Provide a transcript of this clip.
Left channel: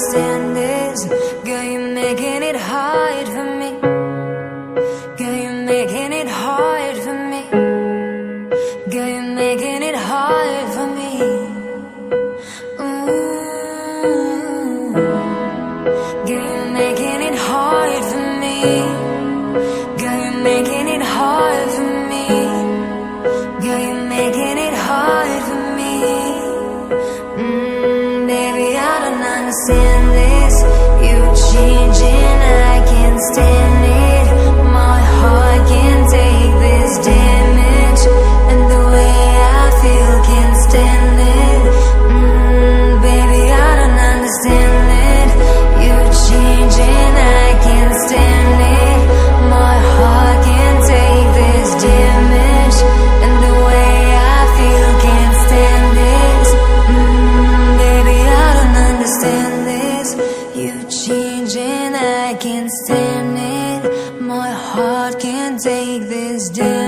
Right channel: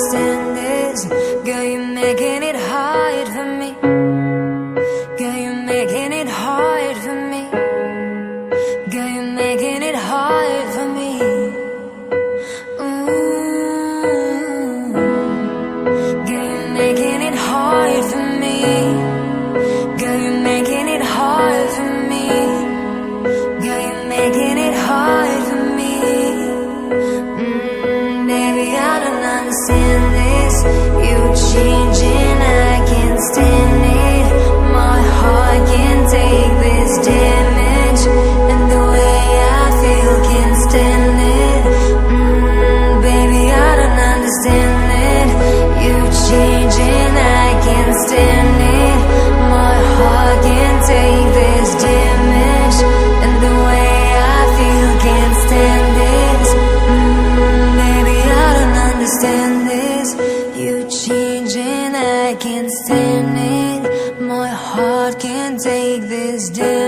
understand this. Girl, you're making it hard for me. Girl, you're making it hard for me. Girl, you're making it hard for me. Ooh. Girl, you're making it hard for me. Girl, you're making it hard for me. Girl, you're making it hard for me. Baby, I don't understand this. You changing, I can't stand it. My heart can't take this damage, and the way I feel can't stand it. Baby, I don't understand it. You changing, I can't stand it. My heart can't take this damage, and the way I feel can't stand this. Baby, I don't understand this. You changing, I can't stand it. My heart can't take this damage.